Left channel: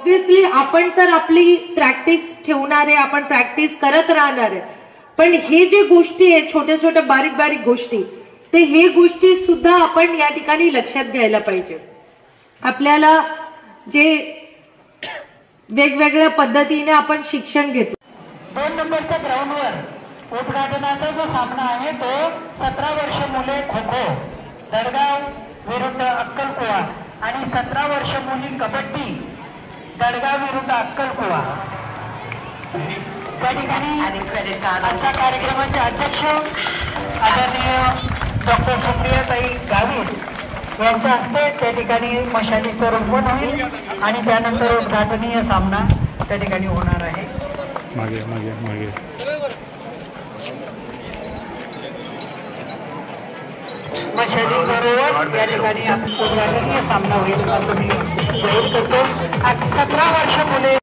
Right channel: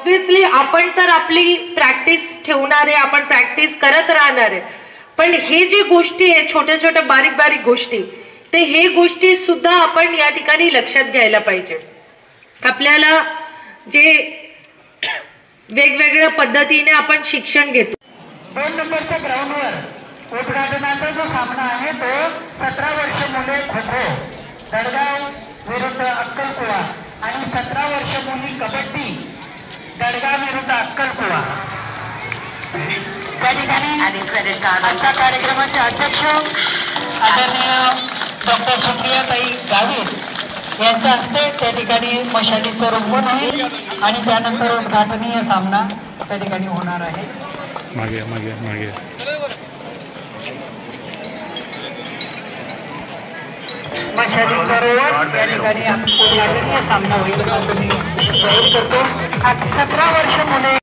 Obviously आपण तर आपली प्रॅक्टिस ठेवणार आहे, आपण प्रॅक्टिस करत राहणार आहे, पण हे जे गोष्टी आहेत छोट्या छोट्या बारीक बारीक गोष्टी, ते हे गोष्टी सुद्धा आपण या ठिकाणी लक्षात घ्यायला पाहिजे. आपल्याला जे वेगवेगळ्या पद्धतीने आपण शिक्षण घेतो. 2 नंबरच्या ग्राउंडवर उद्घाटनाचा जो सामना आहे तो 17 वर्ष मुले खो खो दडगाव विरुद्ध अक्कलकुवा आणि 17 वर्ष मुली कबड्डी दडगाव विरुद्ध अक्कलकुवा. त्या ठिकाणी आजच्या कार्यक्रमाचे अध्यक्ष आदरणीय डॉक्टर सुप्रियाताई गावित यांच्या हस्ते त्या ठिकाणी मशालीचं रोपण होईल आणि त्यानंतर उद्घाटनीय सामना त्या ठिकाणी होणार आहे. मागे मागे मागे मशालीचा रोवण त्या ठिकाणी उद्घाटनीय सामना होईल असं मी जाहीर करतो. 17 वर्ष मुले